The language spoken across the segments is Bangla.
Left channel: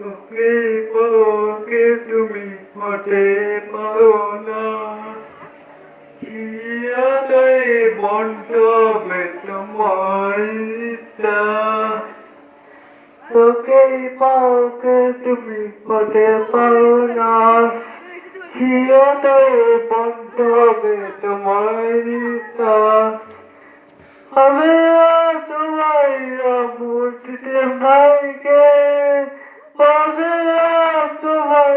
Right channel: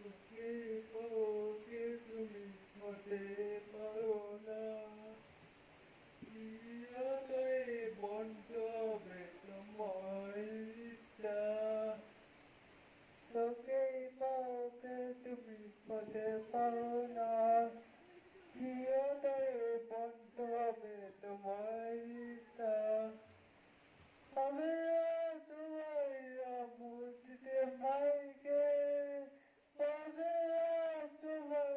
ওকে ওকে তুমি হতে পারো না চিরতরে বন্ধ হবে তোমার ইচ্ছা ওকে ওকে তুমি হতে পারো না চিরতরে বন্ধ হবে তোমার ইচ্ছা আমি তোমার মূর্তিতে ভাইকে আমি তোমার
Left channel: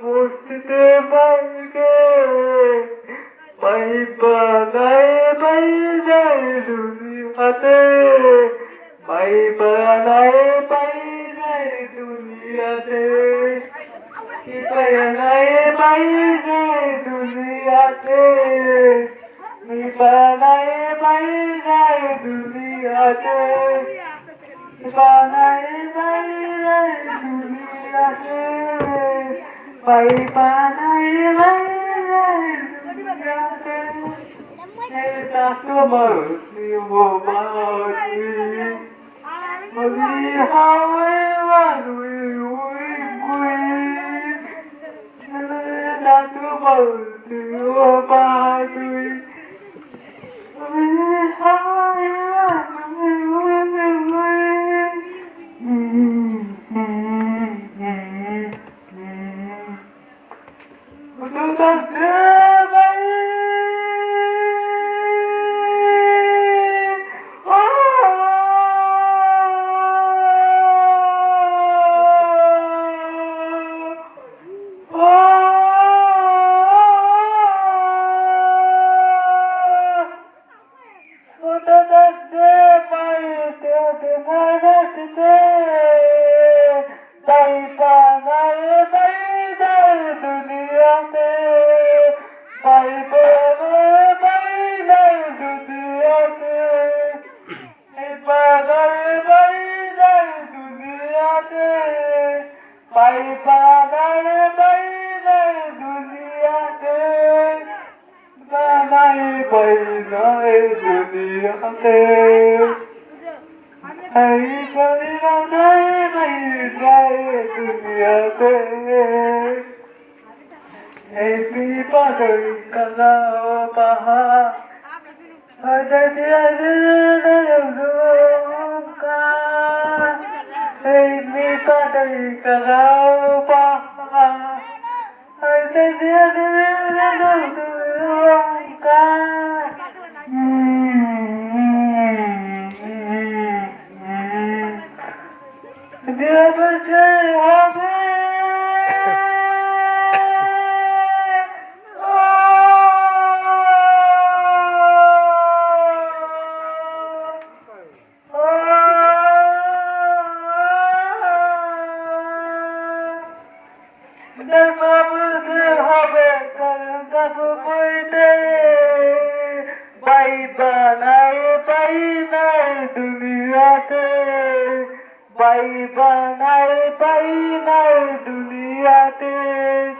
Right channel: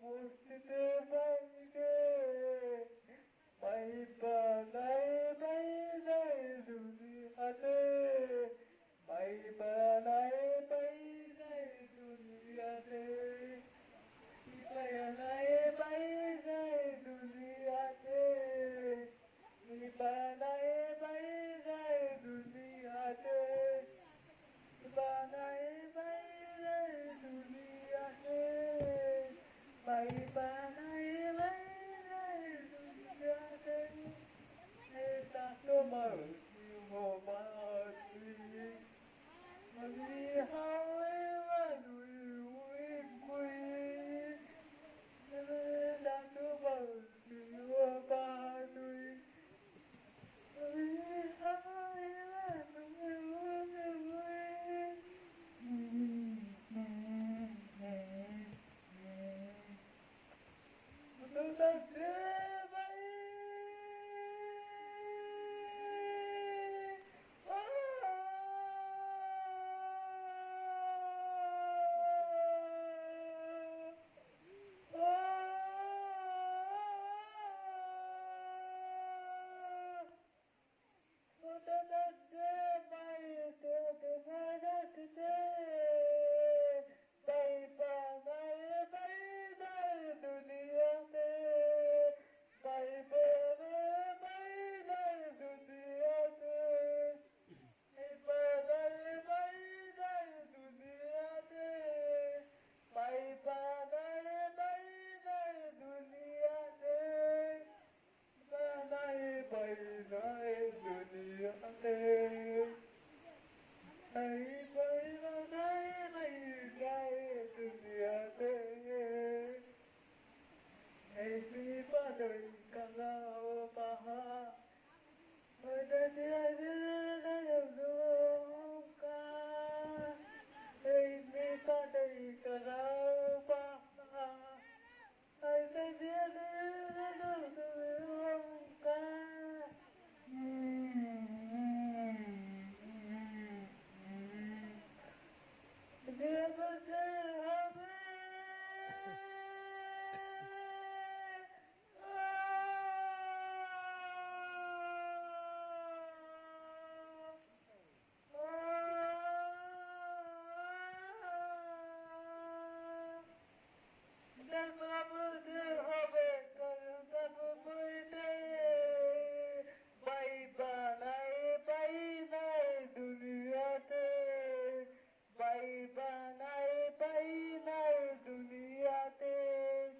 মূর্তিতে ভাইকে পাইবা নাই পাই যায় দুনিয়াতে পাইবা নাই পাই যায় দুনিয়াতে পাইবা নাই পাই যায় দুনিয়াতে Ibanay bailay duniyate Ibanay bailay duniyate Ibanay bailay duniyate Eta tomar niyo bati Magihaway wanui ui kui Eta tomar niyo bati Bye bye.